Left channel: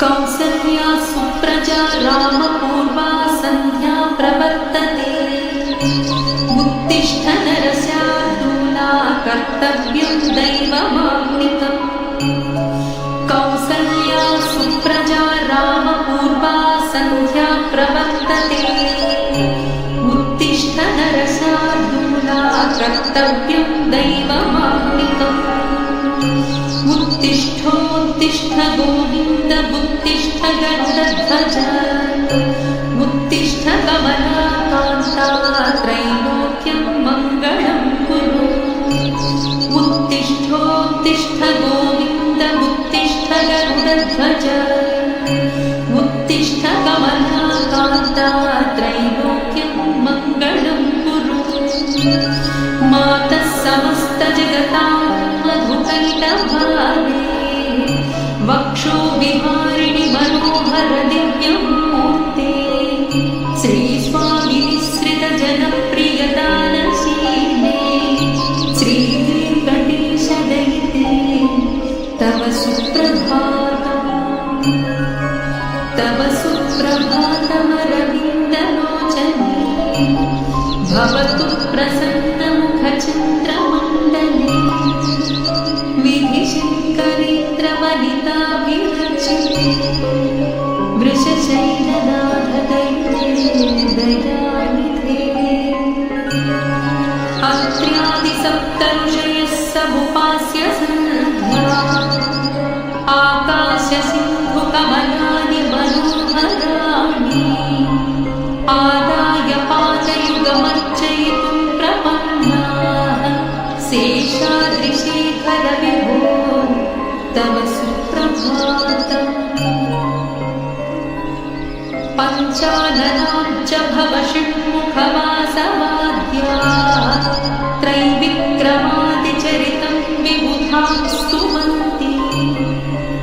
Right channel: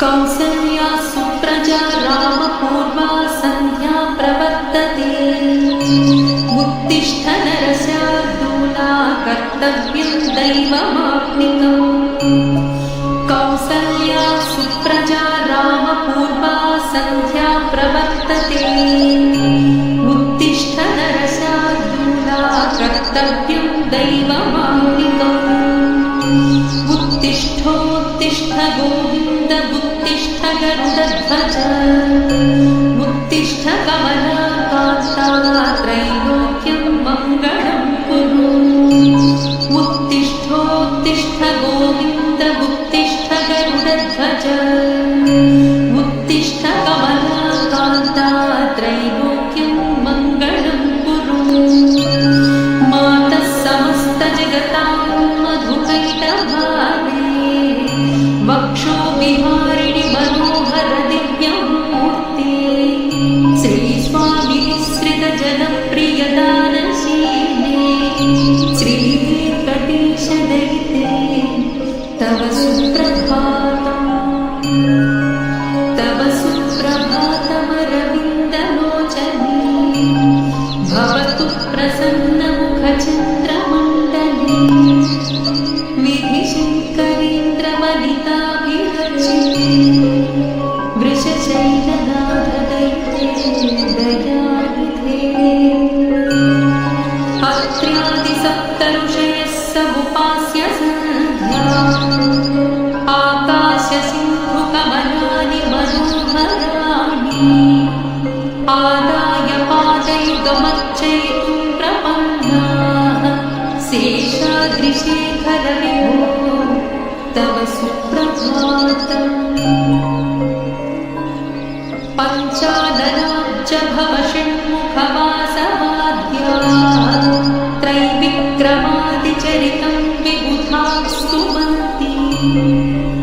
कौसल्या सुप्रजा रामपूर्वा सन्ध्या प्रवर्तते। उत्तिष्ठ नरशार्दूला कर्तव्यं दैवमाप्निकम्। कौसल्या सुप्रजा रामपूर्वा सन्ध्या प्रवर्तते। उत्तिष्ठ नरशार्दूला कर्तव्यं दैवमाप्निकम्। उत्तिष्ठोत्तिष्ठ गोविन्द उत्तिष्ठ गरुडध्वज। उत्तिष्ठ कमलाकान्ता त्रैलोक्यं मङ्गलं कुरु। उत्तिष्ठोत्तिष्ठ गोविन्द उत्तिष्ठ गरुडध्वज। उत्तिष्ठ कमलाकान्ता त्रैलोक्यं मङ्गलं कुरु। मातः समस्तजगतां मधुकैटभारे। वक्षो विहारिणि मनोहर दिव्यमूर्ते। श्रीस्वामिनिःसृतजनप्रियदानशीले। श्रीवेङ्कटेशदयिते तव सुप्रभातम्। तव सुप्रभातमरविन्दलोचने। भवतु प्रसन्नमुखचन्द्रमण्डले। विधिशङ्करीन्द्रवनिताभिरचिते। वृषशैलनाथदैते दयानिधे। अत्र्यादिसप्तऋषयः समुपास्य सन्ध्या। आकाशसिन्धुकमलानि मनोहराणि। आदाय पादयुगमर्चयितुं प्रपन्नाः। शेषाद्रिशेखर विभो तव सुप्रभातम्। पञ्चाननाब्जभव षण्मुखवासवाद्याः। त्रैविक्रमादिचरितं विबुधाः स्तुवन्ति।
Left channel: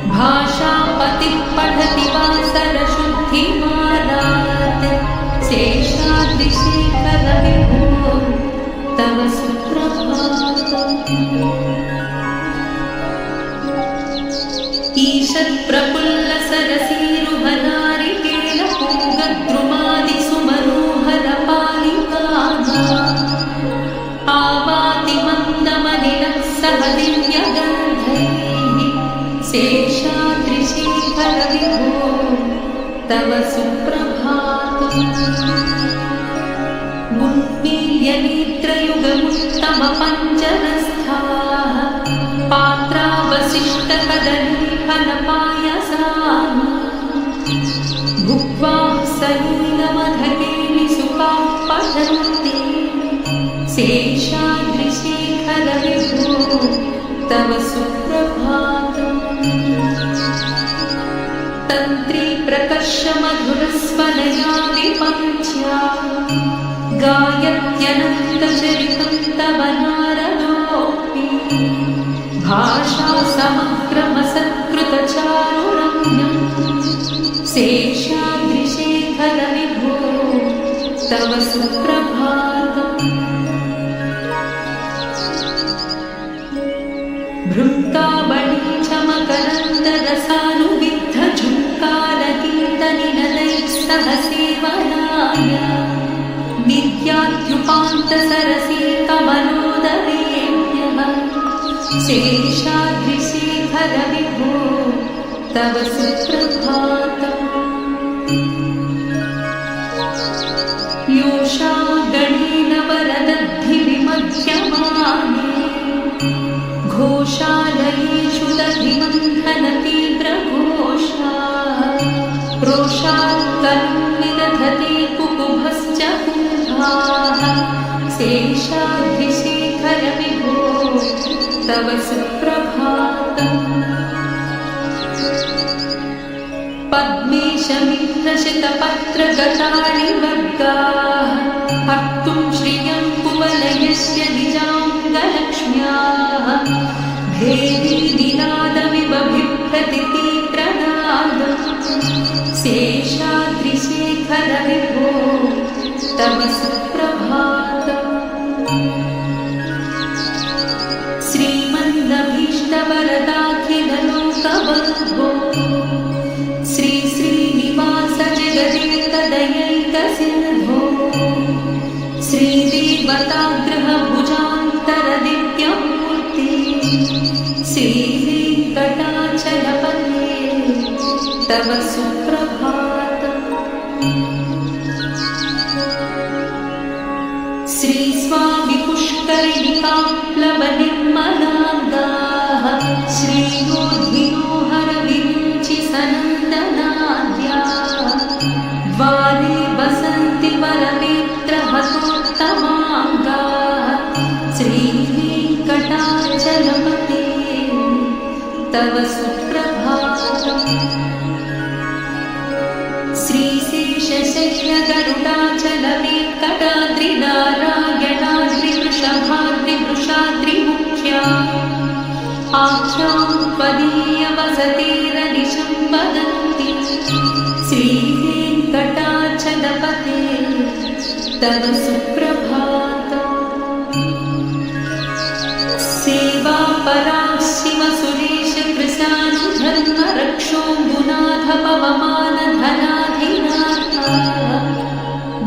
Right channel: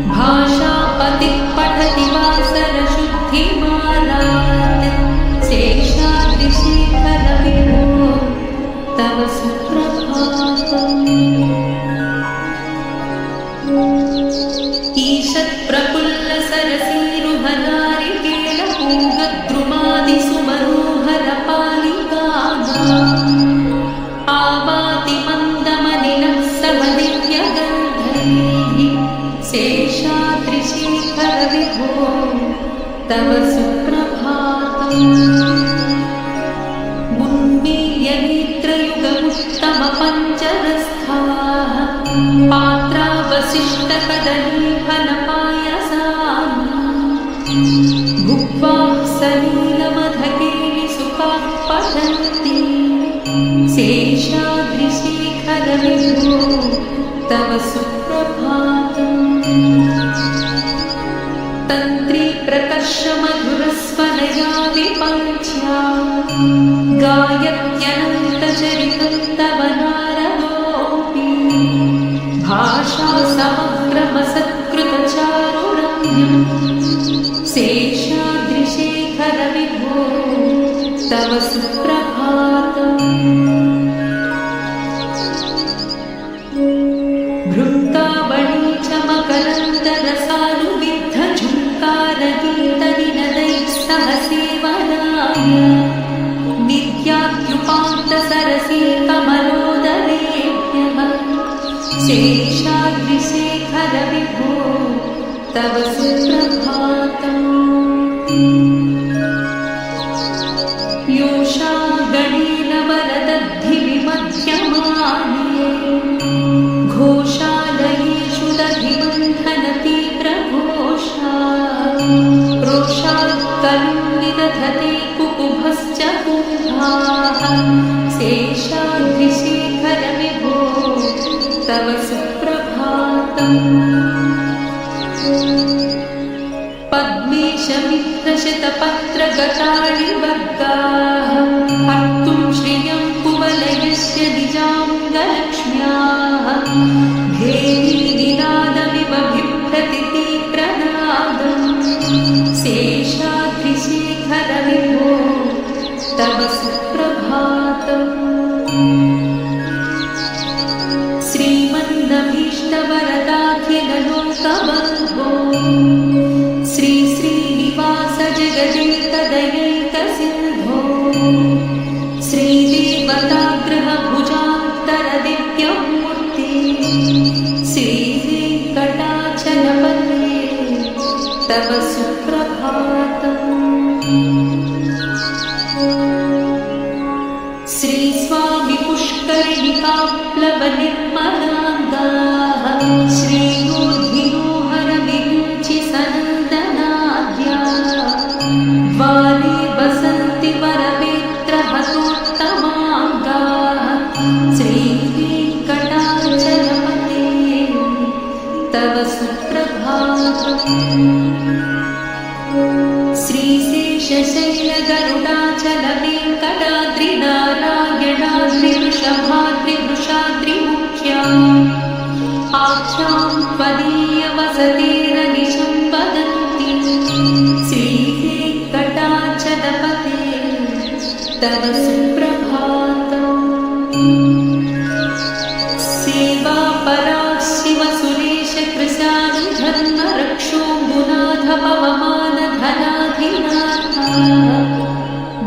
भाषापतिः पठति वासरशुद्धिमारात्। शेषाद्रिशेखर विभो तव सुप्रभातम्। ईषत्प्रफुल्लसरसीरुहनारिकेलपूगद्रुमादिसुमनोहरपालिकानाम्। आवाति मन्दमनिलः सह दिव्यगन्धैः। शेषाद्रिशेखर विभो तव सुप्रभातम्। उन्मील्य नेत्रयुगमुत्तमपञ्चरस्थाः। पात्रावशिष्टकदलीफलपायसानि। भुक्त्वा सलीलमधकेलिसुखाः पठन्ति। शेषाद्रिशेखर विभो तव सुप्रभातम्। तन्त्री प्रकर्ष मधुरस्वनया विपञ्च्या। गायत्यनन्तचरितं तव नारदोऽपि। भाषा समग्रमसत्कृतचारुरम्यम्। शेषाद्रिशेखर विभो तव सुप्रभातम्। भृङ्गावळी च मकरन्दरसानुविद्धझुङ्कारगीतनिनदैः सह सेवनाय। नित्यात्युपान्तसरसी कमलोदरेभ्यः। शेषाद्रिशेखर विभो तव सुप्रभातम्। योषा गणेन वरदद्धि विमध्यमाने। घोषालयेषु दधिबन्धनतीव्रघोषा। रोषात् कविं विदधते कुकुभश्च कुम्भाः। शेषाद्रिशेखर विभो तव सुप्रभातम्। पद्मेशमित्रशतपत्रगतानि वर्गाः। हर्तुं श्रियं कुवलयस्य निजाङ्गलक्ष्म्याः। भेरीनिनादमिव बिभ्रति प्रनादम्। शेषाद्रिशेखर विभो तव सुप्रभातम्। श्रीमन्नभीष्टवरदाखिललोकबन्धो श्री श्रीनिवास जगदेकदयैकसिन्धो श्रीदेवतागृहभुजान्तरदिव्यमूर्ति श्रीवेङ्कटाचलपते तव सुप्रभातम्। श्री स्वामी पुष्करिणिकाप्लवनिर्मलाङ्गाः श्रीयोर्धिनो हरविरुचि सनन्दनाद्या द्वारे वसन्ति वरवेत्रहतोत्तमाङ्गाः श्रीवेङ्कटाचलपते तव सुप्रभातम्। श्रीशेषशैलगरुडाचलवेङ्कटाद्रिनारायणाद्रिवृषभाद्रिवृषाद्रिमुख्या आख्यां त्वदीयवसतेरनिशं वदन्ति श्रीवेङ्कटाचलपते तव सुप्रभातम्। सेवापरा शिवसुरेशकृशानुधर्मरक्षोऽम्बुनाथ पवमानधनाधिनाथा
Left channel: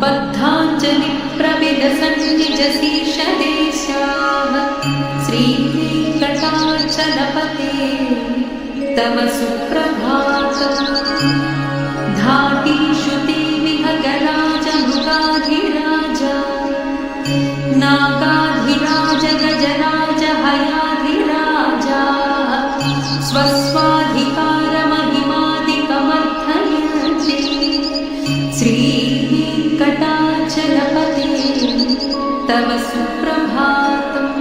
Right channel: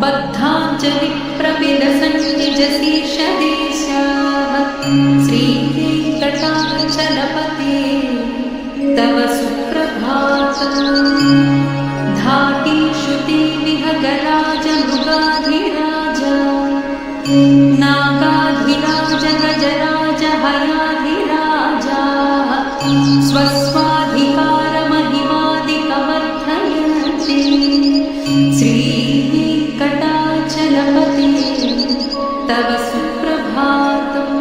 बद्धाञ्जलिप्रविलसन्निजशीर्षदेशाः श्रीवेङ्कटाचलपते तव सुप्रभातम्। धाटीषु ते विहगराजमृगाधिराज नागाधिराज गजराज हयाधिराजा स्वस्वाधिकारमहिमादिकमर्थयन्ति श्रीवेङ्कटाचलपते तव सुप्रभातम्।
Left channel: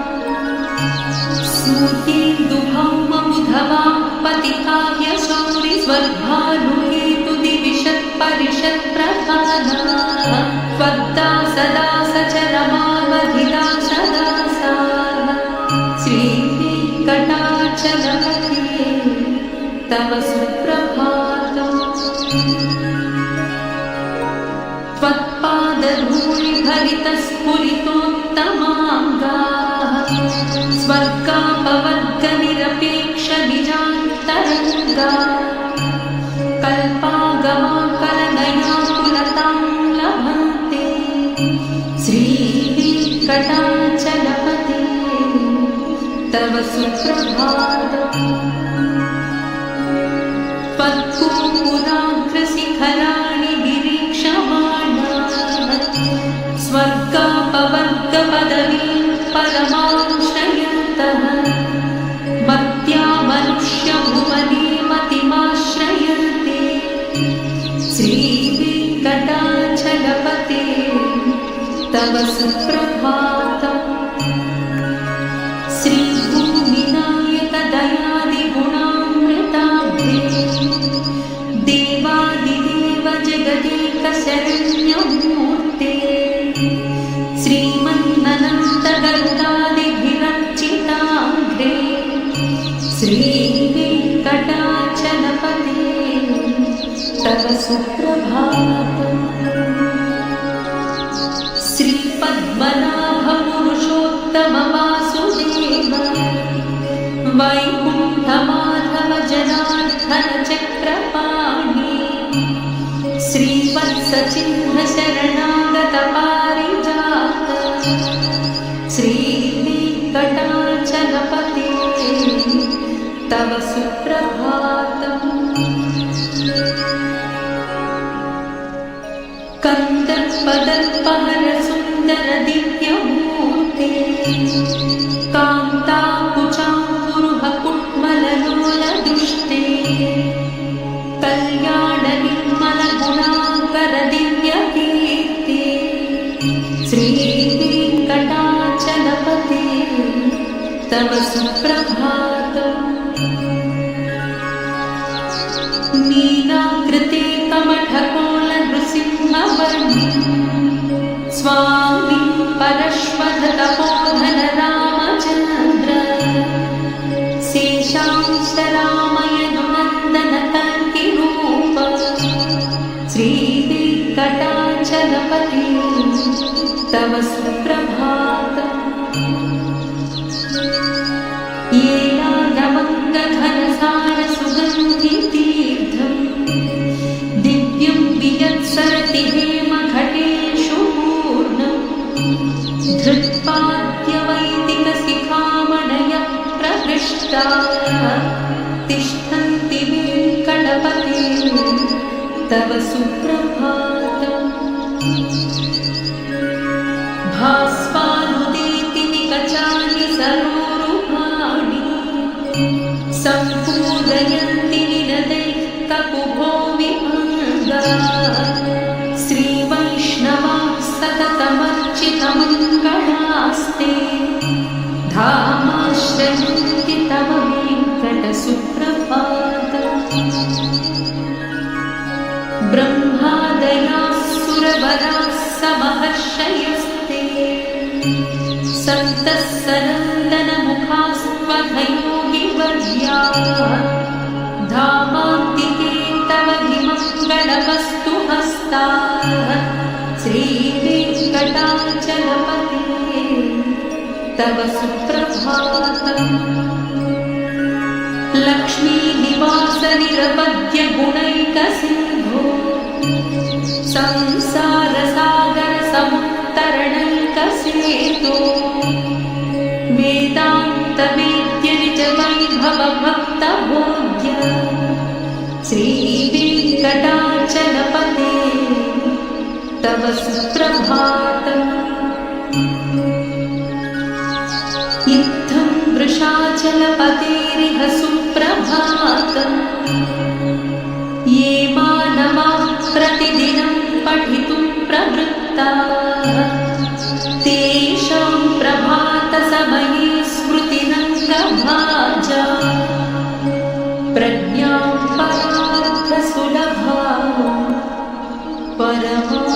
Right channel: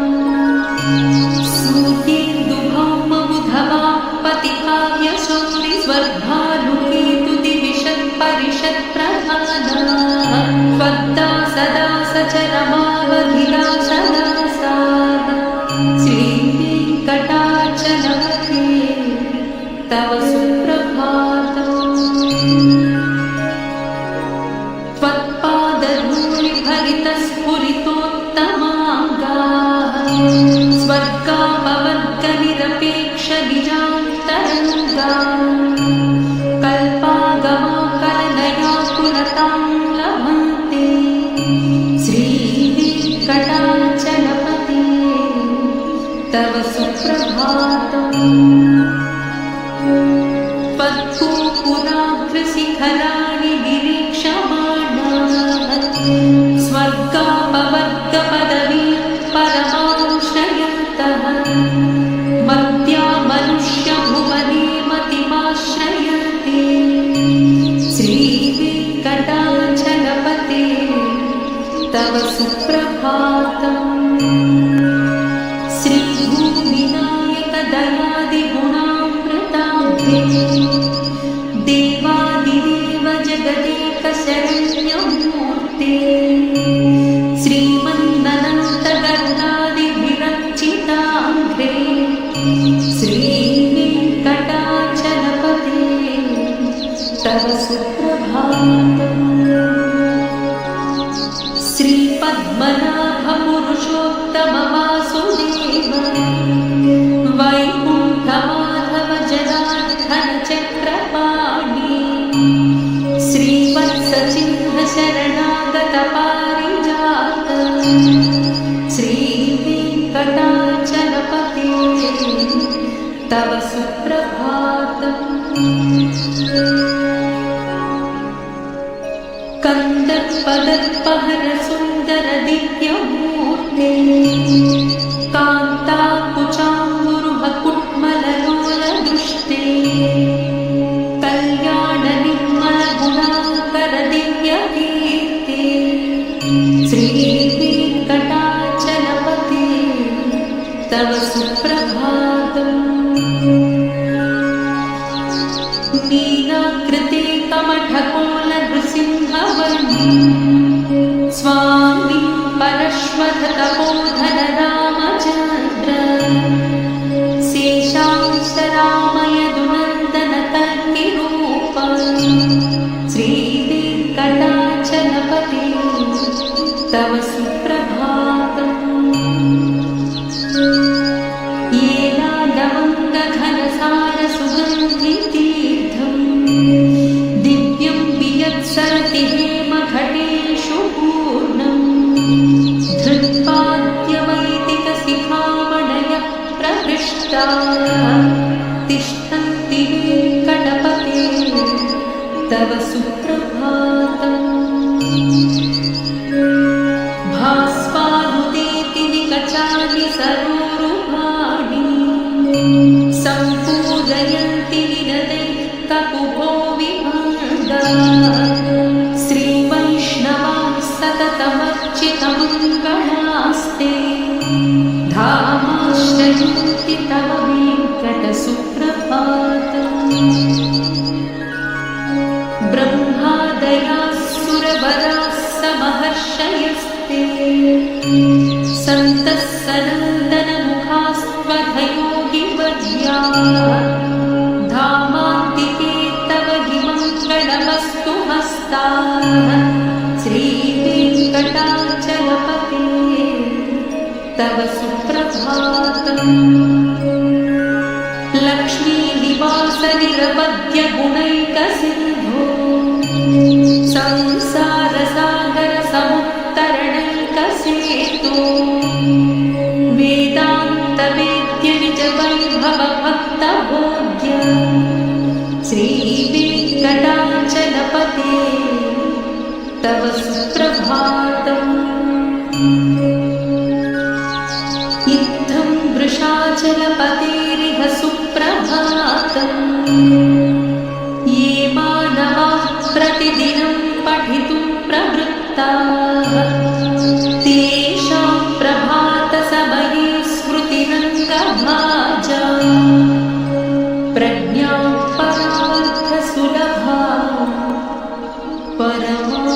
सूर्येन्दुभौमबुधवां पतिकाव्यशौरिस्वर्भानुकेतुदिविशत्परिषत्प्रधानाः त्वद्दासदासचरमावधिदासदासाः श्रीवेङ्कटाचलपते तव सुप्रभातम्। त्वत्पादधूलिभरितस्फुरितोत्तमाङ्गाः स्वर्गापवर्गनिरपेक्षनिजान्तरङ्गा कल्पागमाकलनयाकुलतां लभन्ते श्रीवेङ्कटाचलपते तव सुप्रभातम्। त्वद्गोपुराग्रशिखराणि निरीक्षमाणाः स्वर्गापवर्गपदवीं परमाश्रयन्तः मर्त्या मनुष्यभुवने मतिमाश्रयन्ते श्रीवेङ्कटाचलपते तव सुप्रभातम्। श्रीभूमिनायकदयादिगुणामृताब्धे देवादिदेव जगदेकशरण्यमूर्ते श्रीमन्ननन्तगरुडादिभिरर्चिताङ्घ्रे श्रीवेङ्कटाचलपते तव सुप्रभातम्। श्रीपद्मनाभपुरुषोत्तमवासुदेव वैकुण्ठमाधव जनार्दन चक्रपाणि श्रीवत्सचिह्नशरणागतपारिजात श्रीवेङ्कटाचलपते तव सुप्रभातम्। कन्दर्पदर्पहर सुन्दर दिव्यमूर्ते कान्ताकुचाम्बुरुह कुट्मललोलदृष्टे कल्याणनिर्मलगुणाकर दिव्यकीर्ते श्रीवेङ्कटाचलपते तव सुप्रभातम्। मीनाकृते कमठकोलनृसिंहवर्णी स्वामी परश्वतपोधन रामचन्द्र शेषांश रामयदुनन्दन कल्किरूप श्रीवेङ्कटाचलपते तव सुप्रभातम्। रसारसुगन्धितीर्थम् दिव्यं वियत्सरति हेमघटेषु पूर्णम् धृत्पाद्यवैदिकशिखामणयः प्रहृष्टाः तिष्ठन्ति वेङ्कटपते तव सुप्रभातम् भास्वानुदेति निकचानि सरोरुहाणि सम्पूरयन्ति निनदैः ककुभो विभङ्गाः श्रीवैष्णवाः सततमर्चितमङ्गलास्ते धामाश्रयन्ति तव वेङ्कटसुप्रभातम् ब्रह्मादयाः सुरवराः समहर्षयस्ते सन्तः सनन्दनमुखास्त्वधयोगिवर्याः धामान्तिके तव हि मङ्गलमस्तु हस्ताः श्रीवेङ्कटाचलपते तव सुप्रभातम् लक्ष्मीनिवासनिरपद्यगुणैकसिन्धो संसारसागरसमुत्तरणैकसेतो वेदान्तवेद्यनिजवैभवभक्तभोग्य श्रीवेङ्कटाचलपते तव सुप्रभातम् इत्थं वृषाचलपतेरिह सुप्रभातम् ये मानवाः प्रतिदिनं पठितुं प्रवृत्ताः तेषां प्रभातसमये स्मृतिरङ्गभाजा प्रज्ञां परार्थसुलभां परमां